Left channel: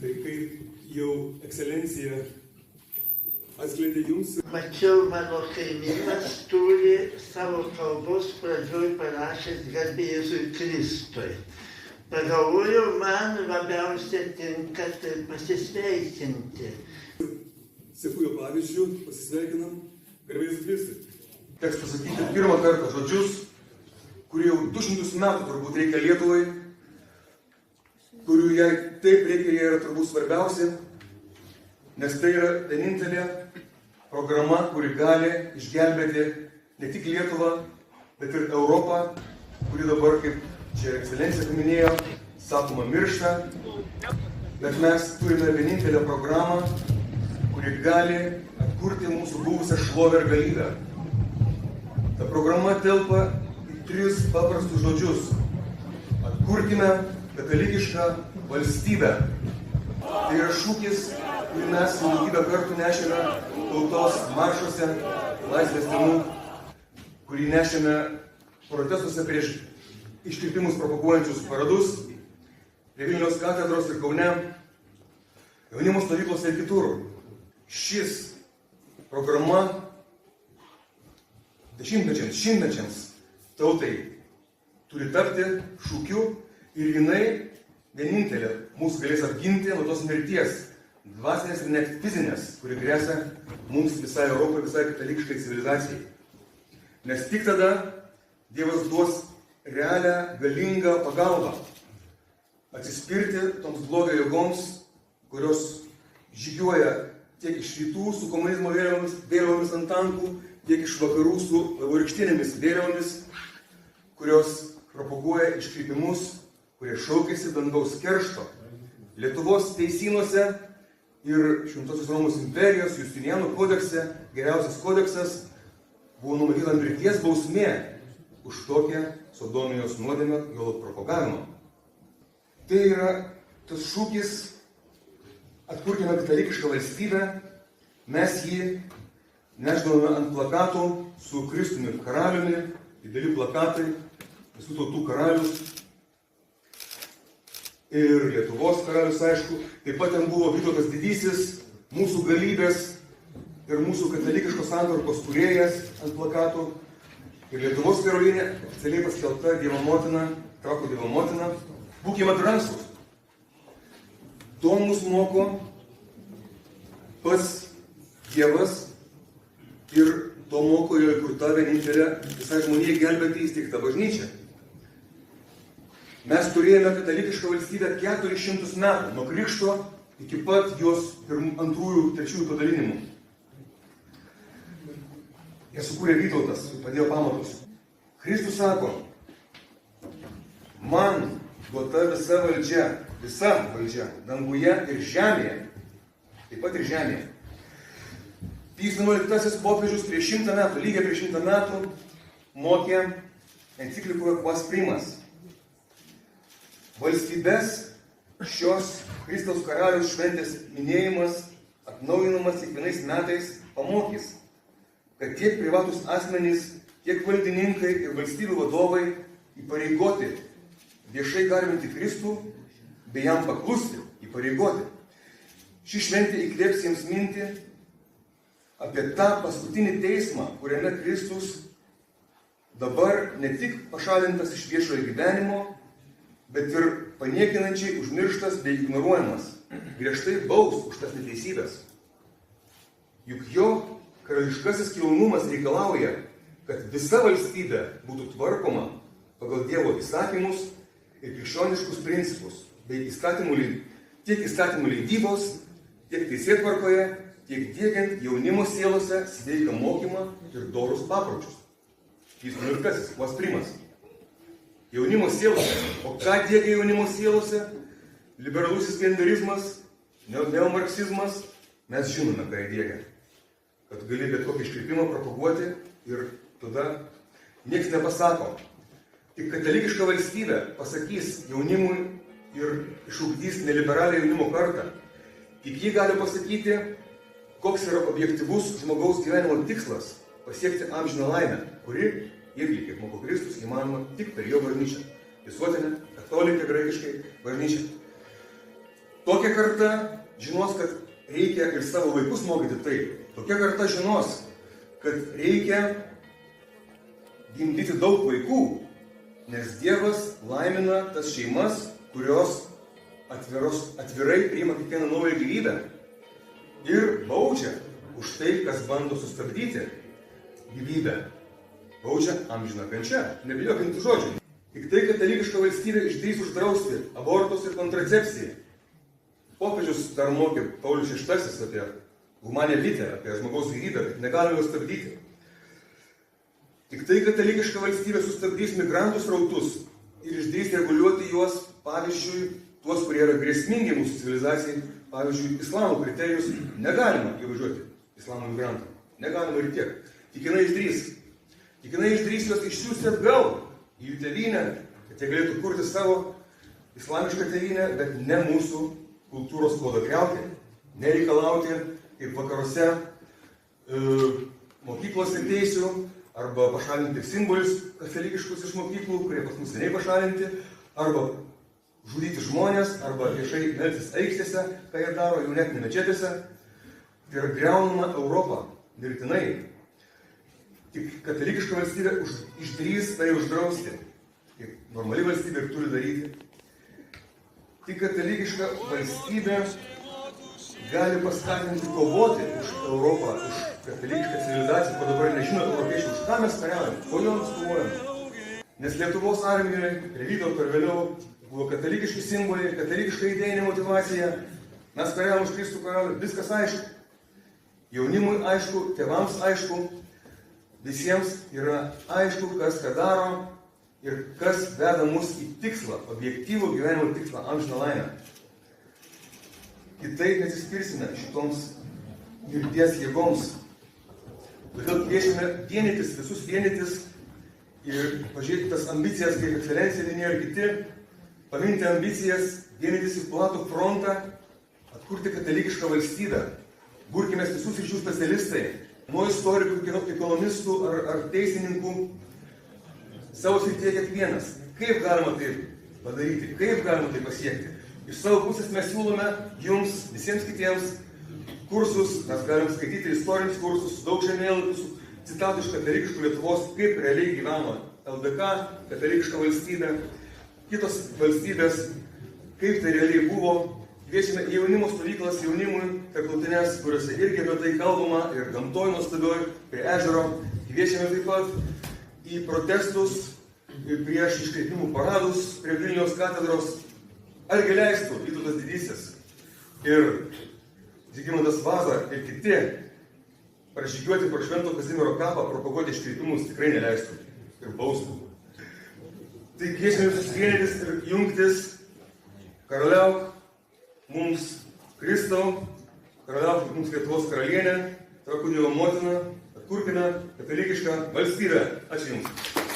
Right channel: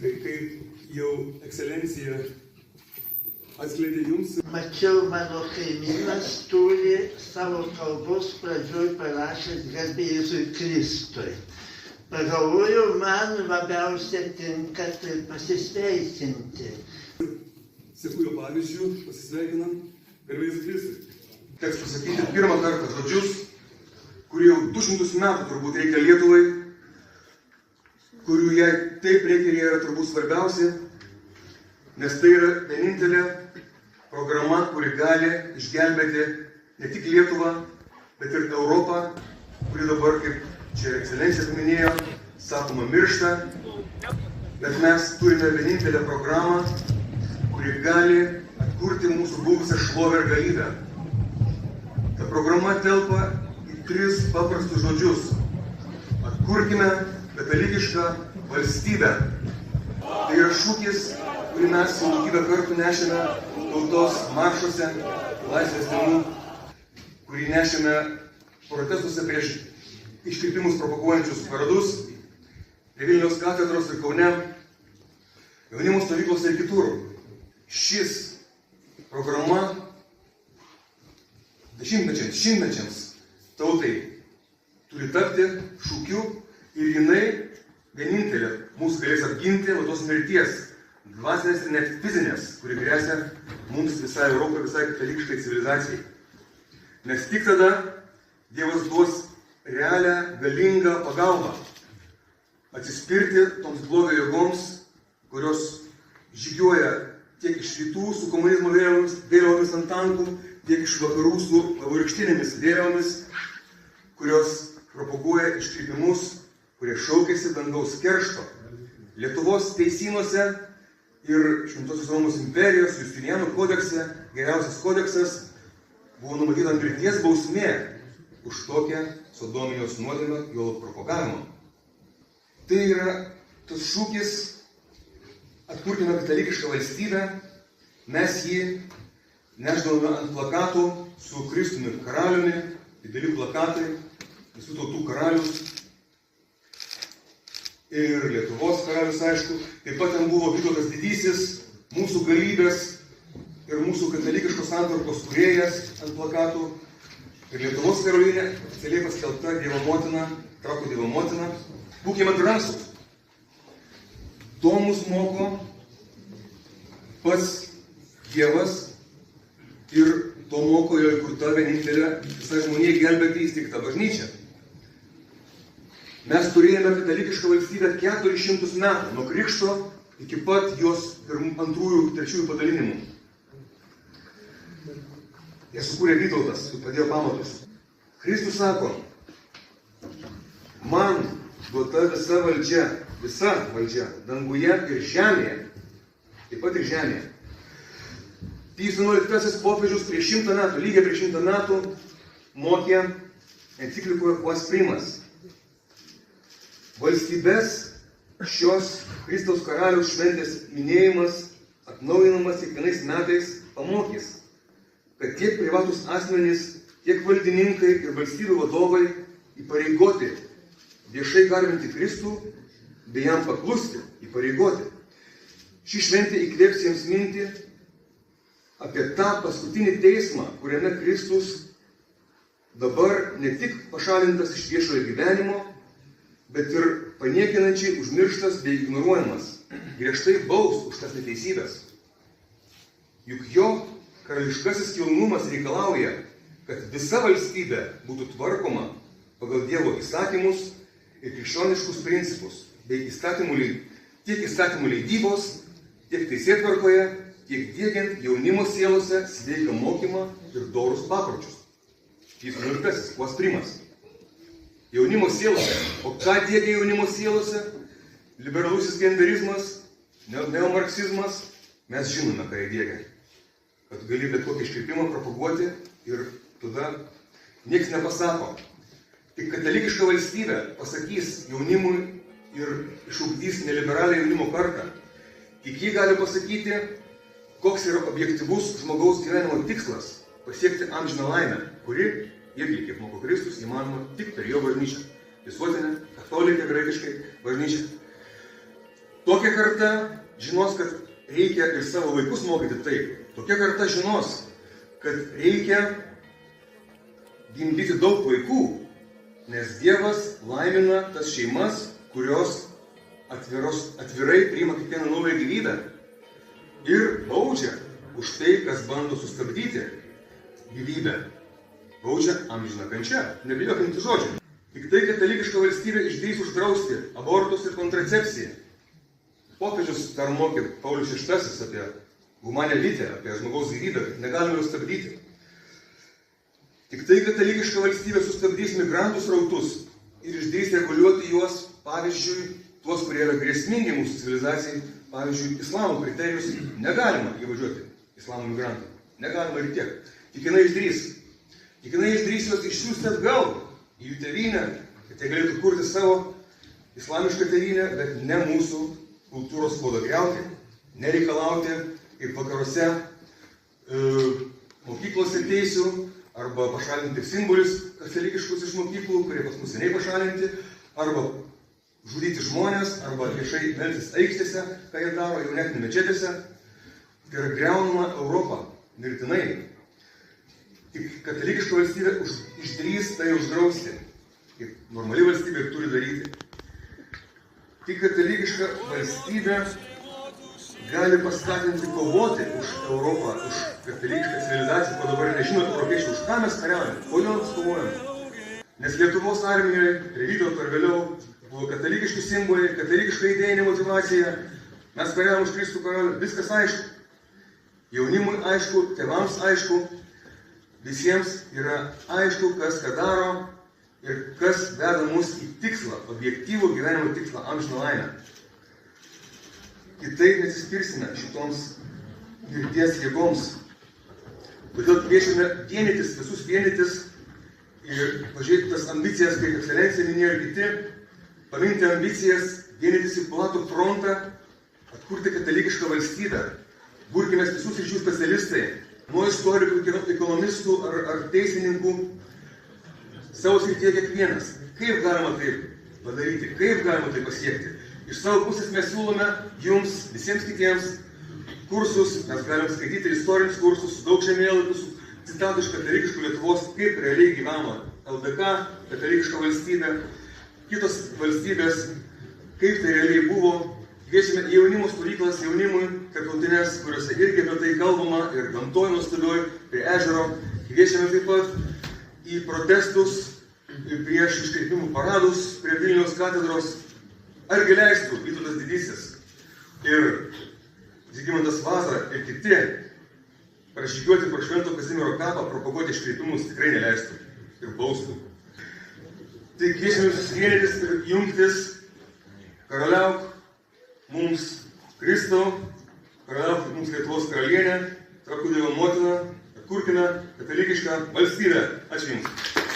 Tai kaip jau ekscelencija atskleidė jums. Mačiau, mano kaimynas turi savo kalbos pradžioj parašęs garbė Jėzui Kristui. Pagalvojau, man labiausiai tinka tai pasisveikinti. Seku jo pavyzdžių, pasisveikinam, garbė Jėzui Kristui. Teks pasakyti pirmą kartą žodžius, kurie jau 200 metų turbūt reikia Lietuvai, kurių jai taip reikia ir jie yra turbūt svarbiausi, nes tai yra vienintelė programa, kuri gali išgelbėti ne tik Lietuvą, bet ir Europą, kuri dabar, kaip čia ekscelencija paminėjo, sakoma, miršta, bet mes turime vienintelę programą, kuri gali atkurti mūsų buvusią šlovę ir galybę. Ta programa telpa į 3 paprastus žodžius. Atkurkime katalikišką valstybę. Tai yra šūkis, kurį mes daugybę kartų nešėme tautos maršuose, laisvės dienų, kurį nešėme protestuose prieš iškirpimus provokuojančius paradus, prie Vilniaus katedros ir Kaune, jaunimo stovyklose ir kitur. Šis programa šimtmečiams tautai turi tapti šūkiu ir jinai vienintelė mūsų galės apginti nuo tos mirties, dvasinės ir net fizinės, kuri gresia mums visai Europai, visai katalikiškai civilizacijai. Nes tik tada Dievas duos realią, galingą pagalbą atsispirti toms blogio jėgoms, kurios žygiuoja tiek iš rytų su komunizmo vėliavomis ant tankų, tiek iš vakarų su vaivorykštinėmis vėliavomis, kurios propaguoja iškreipimus, kurie šaukėsi dangaus keršto. Lietuvos teisynuose ir Šventosios Romos imperijos Justinianų kodekse, geriausias kodeksas, buvo numatyta mirties bausmė už tokią sodomijos nuodėmę juolab propagavimą. Tai yra tas šūkis atkurkime katalikišką valstybę, mes jį nešdavome ant plakatų su Kristumi karaliumi, dideli plakatai, visų tautų karalius ir Lietuvos karalius, aišku. Taip pat ten buvo Vytautas Didysis, mūsų galybės ir mūsų katalikiškos santvarkos kūrėjas ant plakatų. Ir Lietuvos karalienė oficialiai paskelbta Dievo motina, trakų Dievo motina. Būkime drąsūs. To mus moko pats Dievas ir to moko jo įkurta vienintelė visai žmonijai gelbėti įsteigta bažnyčia. Mes turėjome katalikišką valstybę 400 metų, nuo krikšto iki pat jos antrųjų, trečiųjų padalinimų. Jie sukūrė Vytautas, padėjo pamatus. Kristus sako, man duota visa valdžia, danguje ir žemėje, taip pat ir žemėje. Pijus XI popiežius prieš 100 metų, lygiai prieš 100 metų, mokė enciklikoje Quas Primas. Valstybės šios Kristaus karaliaus šventės minėjimas, atnaujinamas kiekvienais metais, pamokys, kad tiek privatus asmenys, tiek valdininkai ir valstybių vadovai įpareigoti viešai garbinti Kristų, bei jam paklusti, įpareigoti. Ši šventė įkvėps jiems mintį apie tą paskutinį teismą, kuriame Kristus dabar ne tik pašalintas iš viešojo gyvenimo, bet ir paniekinančiai užmirštas bei ignoruojamas, griežtai baus už tas neteisybės. Juk jo karališkasis kilnumas reikalauja, kad visa valstybė būtų tvarkoma pagal Dievo įstatymus ir krikščioniškus principus, bei tiek įstatymų leidybos, tiek teisėtvarkoje, tiek diegiant jaunimo sielose sveiką mokymą ir dorus papročius. Jis XI, Quas Primas. Jaunimo sielose. O ką diegia jaunimo sielose? Liberalusis genderizmas, neomarksizmas. Mes žinome, ką jie diegia. Kad gali bet kokį iškreipimą propaguoti ir tada nieks nepasako. Tik katalikiška valstybė pasakys jaunimui ir išugdys neliberalią jaunimo kartą. Tik jį gali pasakyti, koks yra objektyvus žmogaus gyvenimo tikslas – pasiekti amžiną laimę, kuri irgi, kaip moko Kristus, įmanoma tik per jo bažnyčią. Visuotinę, katalikę graikiškai bažnyčią. Tokia karta žinos, kad reikia ir savo vaikus mokyti taip. Tokia karta žinos, kad reikia gimdyti daug vaikų, nes Dievas laimina tas šeimas, kurios atvirai priima kiekvieną naują gyvybę ir baudžia už tai, kas bando sustabdyti gyvybę. Baudžia amžiną kančią, nebijokime tų žodžių. Tik tai katalikiška valstybė išdrįs uždrausti abortus ir kontracepciją. Popiežius dar mokė Paulius VI apie humanę lytę, apie žmogaus gyvybę, negalime jos stabdyti. Tik tai katalikiška valstybė sustabdys migrantų srautus ir išdrįs reguliuoti juos, pavyzdžiui, tuos, kurie yra grėsmingi mūsų civilizacijai, pavyzdžiui, islamo kriterijus negalima įvažiuoti islamo migrantų. Negalima ir tiek. Tik jinai išdrįs. Tik jinai išdrįs juos išsiųsti atgal į jų tėvynę, kad jie galėtų kurti savo islamišką tėvynę, bet ne mūsų kultūros kodą griauti, nereikalauti kaip vakaruose mokyklose teisių arba pašalinti simbolius katalikiškus iš mokyklų, kurie pas mus seniai pašalinti, arba žudyti žmonės, arba viešai melstis aikštėse, ką jie daro, jau net ne mečetėse. Tai yra griaunama Europą mirtinai. Tik katalikiška valstybė išdrįs tai uždrausti, kaip normali valstybė ir turi daryti. Tik katalikiška valstybė gali paskatinti kovoti už Europą, už katalikišką civilizaciją, ko dabar nežinot europiečių, už ką mes kariaujame, kodėl mes kovojame. Nes Lietuvos armijoje, ir Vytauto ir vėliau, buvo katalikiški simboliai, katalikiška idėjinė motyvacija, mes kariavom už Kristų karalių, viskas aišku. Jaunimui aišku, tėvams aišku, visiems yra aišku, kas ką daro ir kas veda mus į tikslą, objektyvų gyvenimo tikslą, amžiną laimę. Kitaip nesiskirsime šitoms mirties jėgoms. Todėl kviečiame vienytis, visus vienytis ir pažiūrėti tas ambicijas, kaip ekscelencija minėjo ir kiti, paminti ambicijas, vienytis į platų frontą, atkurti katalikišką valstybę. Burkime visų sričių specialistai, nuo istorikų, ekonomistų ar teisininkų, savo srityje kiekvienas. Kaip galima tai padaryti, kaip galima tai pasiekti? Iš savo pusės mes siūlome jums, visiems kitiems, kursus, mes galime skaityti istorinius kursus, daug žemėlapių, citatų iš katalikiškų Lietuvos, kaip realiai gyveno LDK, katalikiška valstybė, kitos valstybės, kaip tai realiai buvo. Kviečiame į jaunimo stovyklas, jaunimui, tarptautinės, kuriuose irgi apie tai kalbama, ir gamtoj nuostabioj, prie ežero. Kviečiame taip pat į protestus prieš iškreipimų paradus prie Vilniaus katedros. Argi leistų Vytautas Didysis ir Žygimantas Vaza ir kiti pražygiuoti pro Švento Kazimiero kapą, propaguoti iškreipimus tikrai neleistų ir baustų. Tai kviečiame susivienytis ir jungtis, karaliauk mums Kristau, karaliauk mums Lietuvos karalienė, trakų Dievo motina, atkurkime katalikišką valstybę. Ačiū Jums.